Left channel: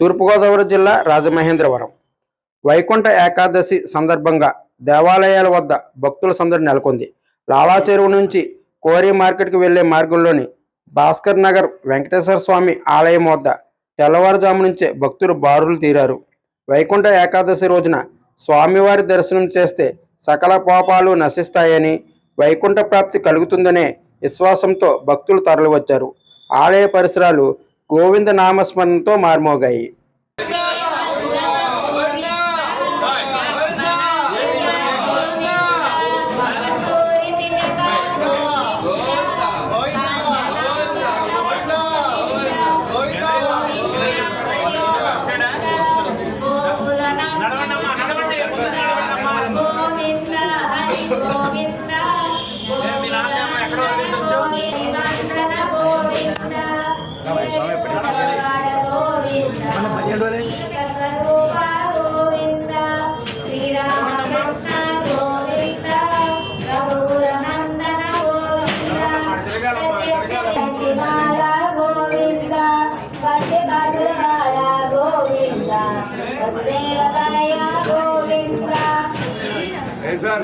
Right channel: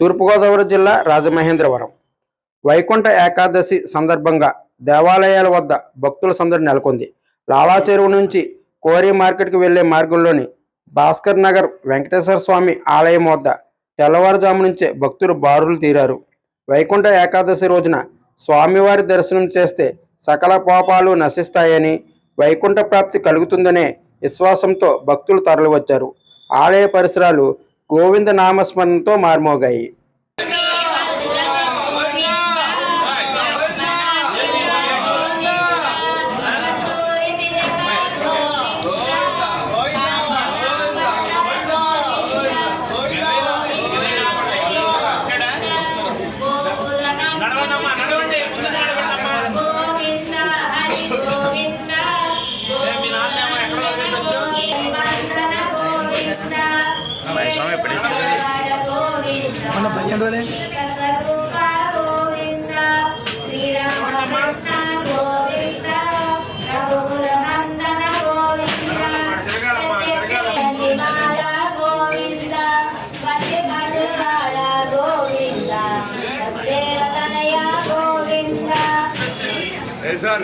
తూర్పుగోదావరి జిల్లా రాజమహేంద్రవరం వైకుంఠ ఏకాదశి సందర్భంగా దేవాలయాల వద్ద భక్తుల సందడి నెలకొంది. లావా చెరువు నుంచి కోరి మార్కెట్కి వెళ్లే మార్గంలోని భాస్కర్ నగర్ వెంకటేశ్వర స్వామి ఆలయం వద్ద తెల్లవారుజాము నుంచే భక్తులు బారులు తీరారు. వైకుంఠ ఏకాదశి రోజున స్వామివారి దర్శనం చేస్తే సకల పాపాలు నశిస్తాయని, వైకుంఠ ప్రాప్తి కలుగుతుందనే విశ్వాసంతో భక్తులు తరలివచ్చారు. ఆలయ పరిసరాలు గోవింద నామస్మరణతో మార్మోగాయి.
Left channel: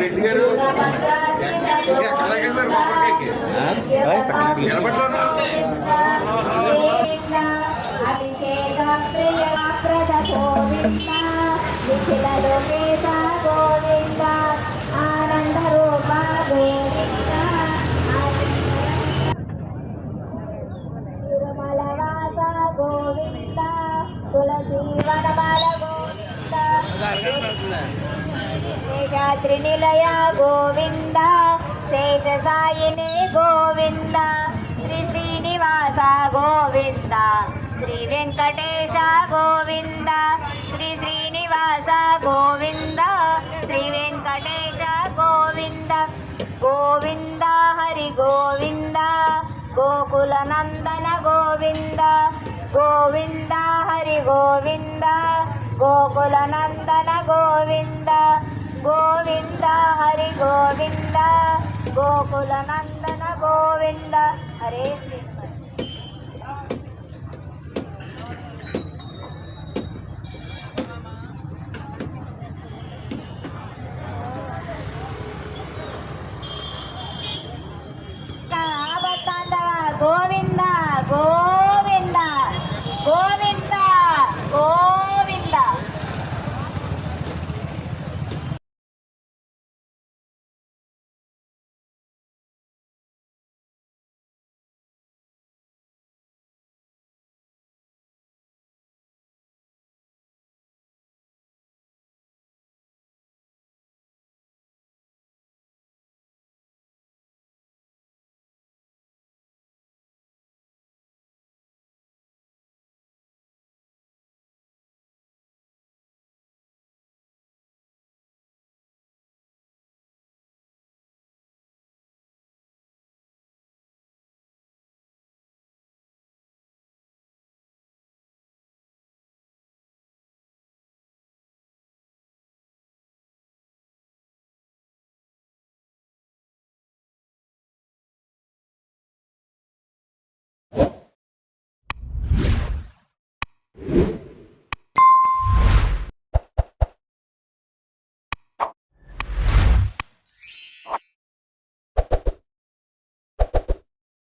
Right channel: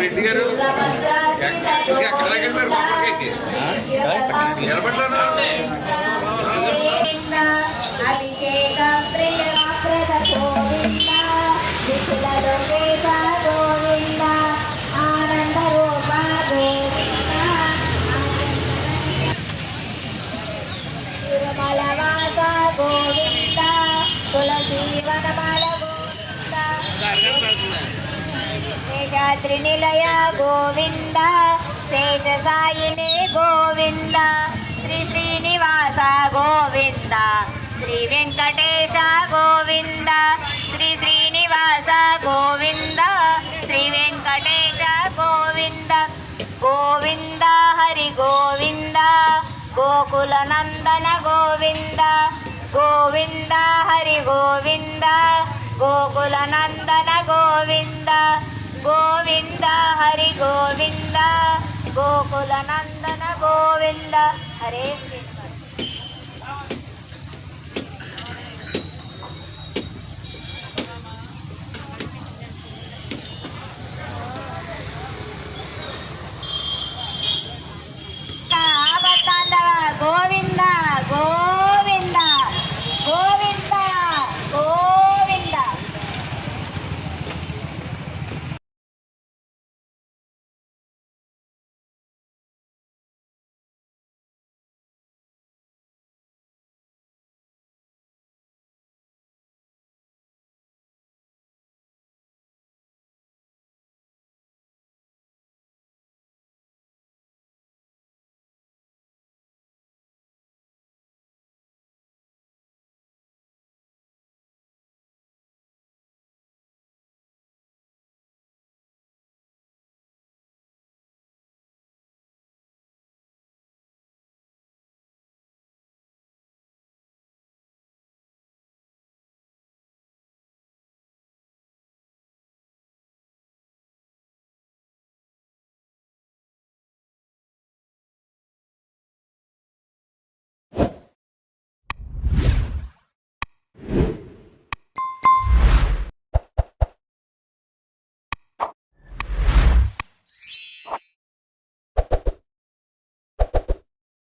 రెడ్డి గారు ఎక్కడ దగ్గర మీరు కొబ్బరికాయకి నిలబడ్డా త్రినిలయ గోవింద శేషసాయినే గోవింద శ్రీ శ్రీనివాస గోవింద శ్రీ వెంకటేశ గోవింద శ్రీ శ్రీనివాస గోవింద శ్రీ వెంకటేశ గోవింద గోవింద హరి గోవింద గోకుల నందన గోవింద గోవింద హరి గోవింద గోకుల నందన గోవింద గోవింద హరి గోవింద గోకుల నందన గోవింద. హరే శ్రీనివాస.